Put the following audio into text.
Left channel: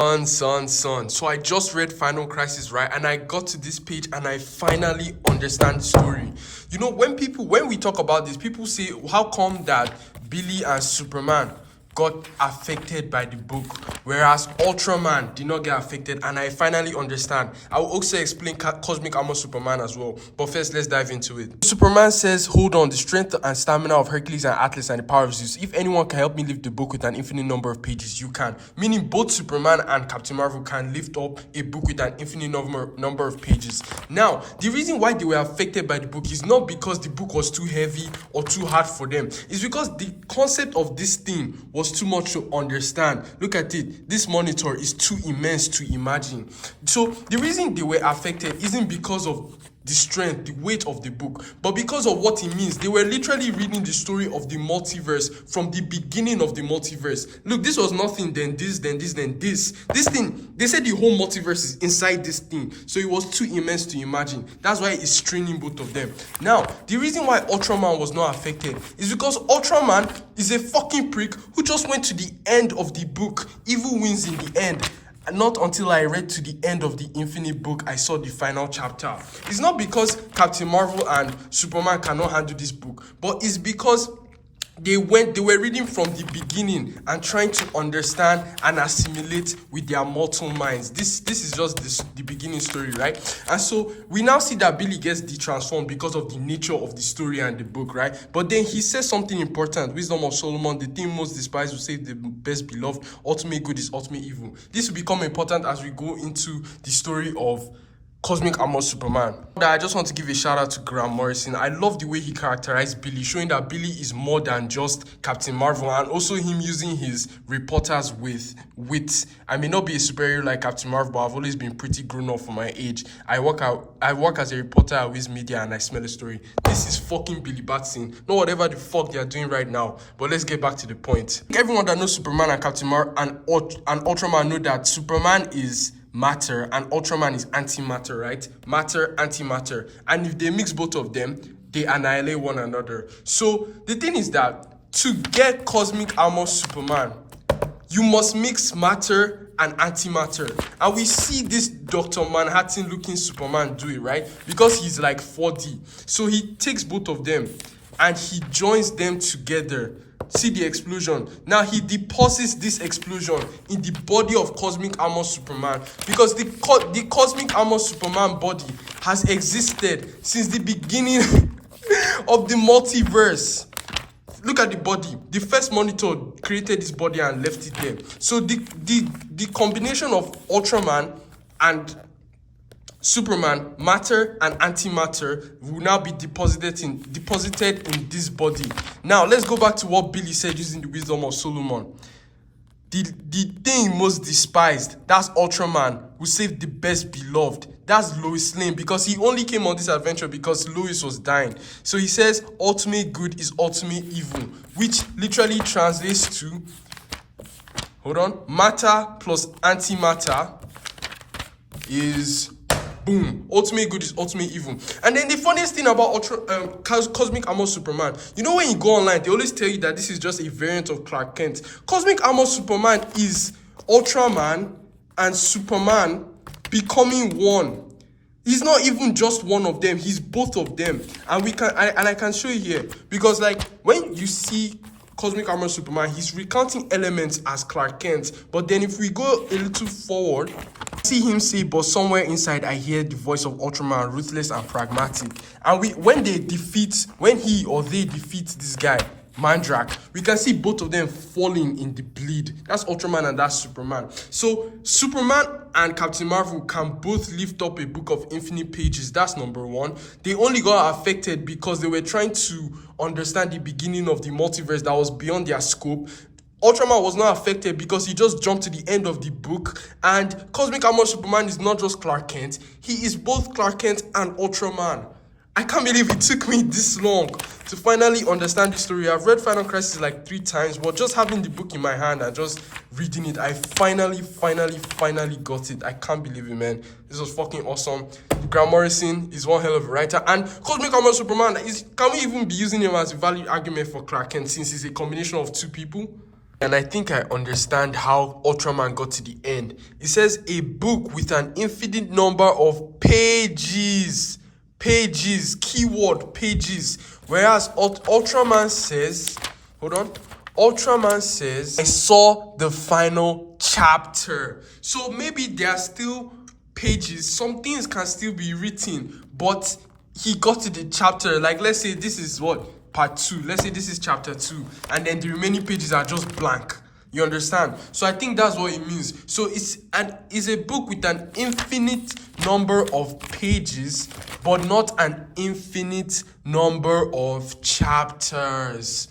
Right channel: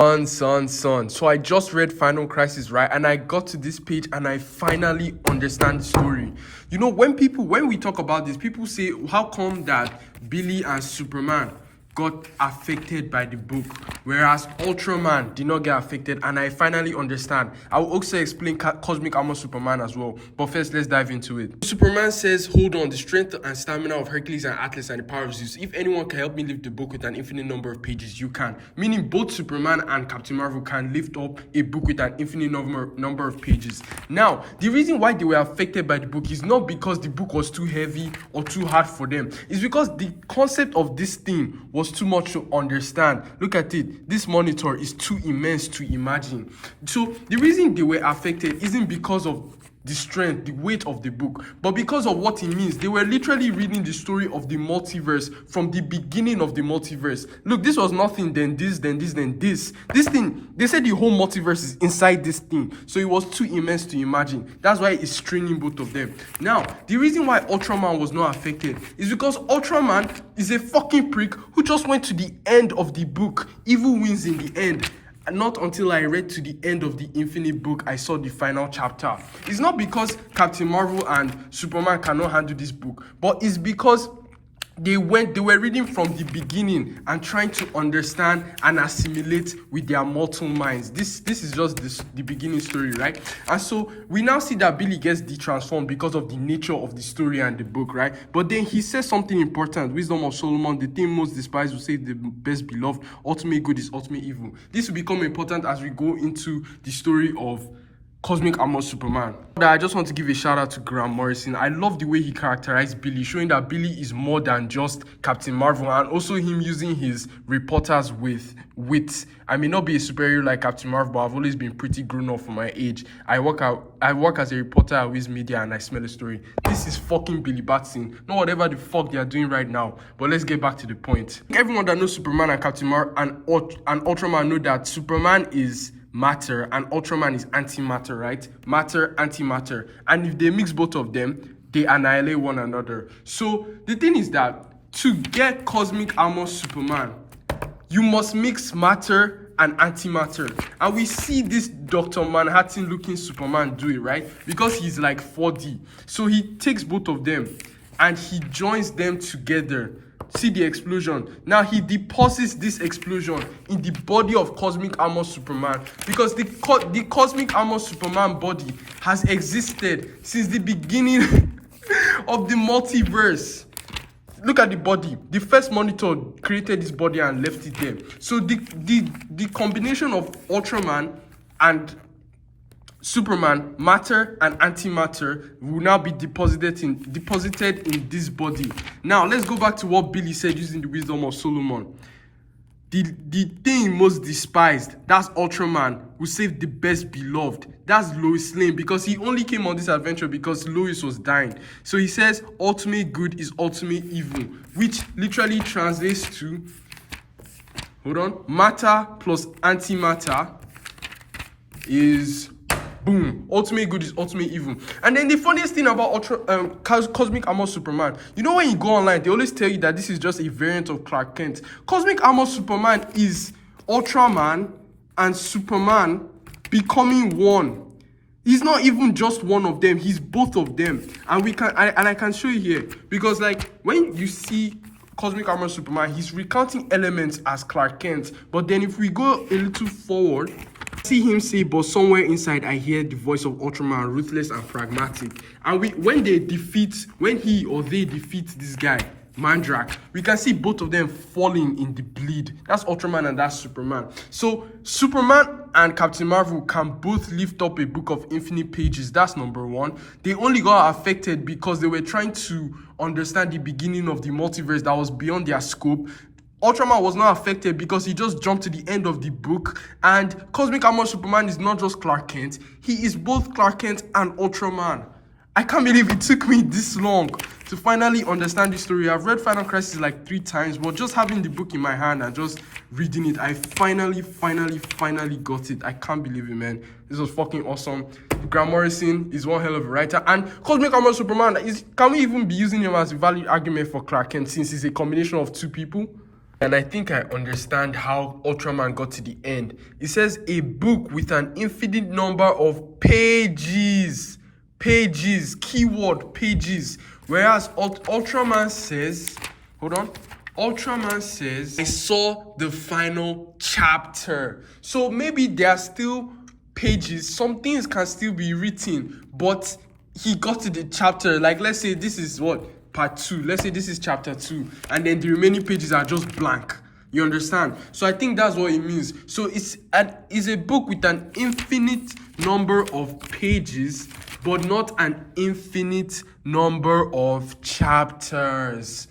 Son. So I just read Final Crisis, right? And I got to this page and I finally understand the story. You know, when we talk about this, people say, how come that Billy and Superman got affected by the book, whereas Ultraman did not get affected? And I finally understand. I will also explain Cosmic Armor Superman as well. But first, let's dive into it. Superman says, hold on, the strength and stamina of Hercules and Atlas and the power of Zeus. If anyone can help me lift the book with an infinite number of pages, you can. Meaning both Superman and Captain Marvel can lift up a book with an infinite number of pages. Now, the reason why they were affected by the book is not because the book was too heavy or too hard for them. It's because the concept of this thing was too much to understand. Look at it. This monitor is too immense to imagine. So the reason they were affected isn't because of the strength, the weight of the book, but because of what it means. They were literally reading the story of the multiverse from the beginning of the multiverse. Look, this was nothing, then this, then this, then this. This thing, they said the whole multiverse is inside this thing, so it was too immense to imagine. That's why it's straining both of them. Now, the reason why Ultraman was not affected is because Ultraman is a fucking prick who just went to the end of the book. Evil wins in the end. Not until I read to the end of the Infinite book, I saw the final chapter. It's not because Captain Marvel and Superman cannot handle this book, but it's because they were reading from the beginning and trying to understand and assimilate with their mortal minds. This is just the beginning story, right? And so we now see that Billy gets detransformed because of the nature of the story and the book, right? But then he says something important. Wisdom of Solomon, the thing most despised will save the best beloved. Ultimate good is ultimate evil. This will become important as we go into the story of Cosmic Armor Superman. I just want to give a shout out to Grant Morrison. I love the way he characterized Billy, showing that Billy is more than just Captain Marvel, and also him using his reporters with wit. I may not be a superhero like Captain Marvel, but I've always been pretty grown up for my age. I work as a reporter at Wiz Media, and I smell a story. This is fucking Billy Batson. Not whatever the fuck they are doing right now. But let's get back to the point. Everyone that knows Superman and Captain Marvel and Ultraman know that Superman is matter and Ultraman is antimatter, right? Matter, antimatter. And if they mix both of them, they annihilate one another. So the thing is that to get Cosmic Armor Superman, you must mix matter and antimatter. And we see this Dr. Manhattan looking Superman do it, right? Because he's like 4D. So he takes both of them and he joins them together. See the explosion. Now he deposits this explosion in the body of Cosmic Armor Superman, because the Cosmic Armor Superman body has existed since the beginning of the multiverse. Look at the body. The first monitor created this body and left it there. So the combination of Ultraman and Superman, matter and antimatter, will now be deposited in this body. Now let's go back to what Billy said using the wisdom of Solomon. The thing most despised, that's Ultraman, who saved the best beloved. That's Lois Lane, because he only came on this adventure because Lois was dying. So he says ultimate good is ultimate evil, which literally translates to, hold on, matter plus antimatter is boom. Ultimate good is ultimate evil. And then the funniest thing about Cosmic Armor Superman, you know, when you go online, they always tell you that this is just a variant of Clark Kent. Cosmic Armor Superman is Ultraman and Superman becoming one. He's not even just one of them, he's both of them. And I can show you here, because like when you see Cosmic Armor Superman, he's recounting elements as Clark Kent. But then if we go a little forward, see him say, but somewhere inside I hear the voice of Ultraman, ruthless and pragmatic. And when he or they defeat this guy, Mandrak, we can see both of them falling in the bleed. That's Ultraman and that's Superman. So Superman and Captain Marvel can both lift up a book of infinite pages. That's number one. They only got affected because they were trying to understand the beginning of the multiverse that was beyond their scope. Ultraman was not affected because he just jumped to the end of the book. And Cosmic Armor Superman is not just Clark Kent. He is both Clark Kent and Ultraman. I can't believe it took me this long to finally understand the story. I've read Final Crisis like 3 times, but just having the book in my hand and just reading it, I finally got it. I can't believe it, man. This was fucking awesome. Grant Morrison is one hell of a writer. And Cosmic Armor Superman, can we even be using him as a valid argument for Clark Kent, since he's a combination of 2 people? And I think I understand how Ultraman got to the end. It says a book with an infinite number of pages. Pages, keyword pages. Whereas Ultraman says, hold on. Ultraman says, I saw the final chapter. So maybe there are still pages. Some things can still be written, but he got to the chapter. Like, let's say this is what? Part 2. Let's say this is chapter 2, and then the remaining pages are just blank. You understand? So I think that's what it means. So it's a book with an infinite number of pages, but not an infinite number of chapters.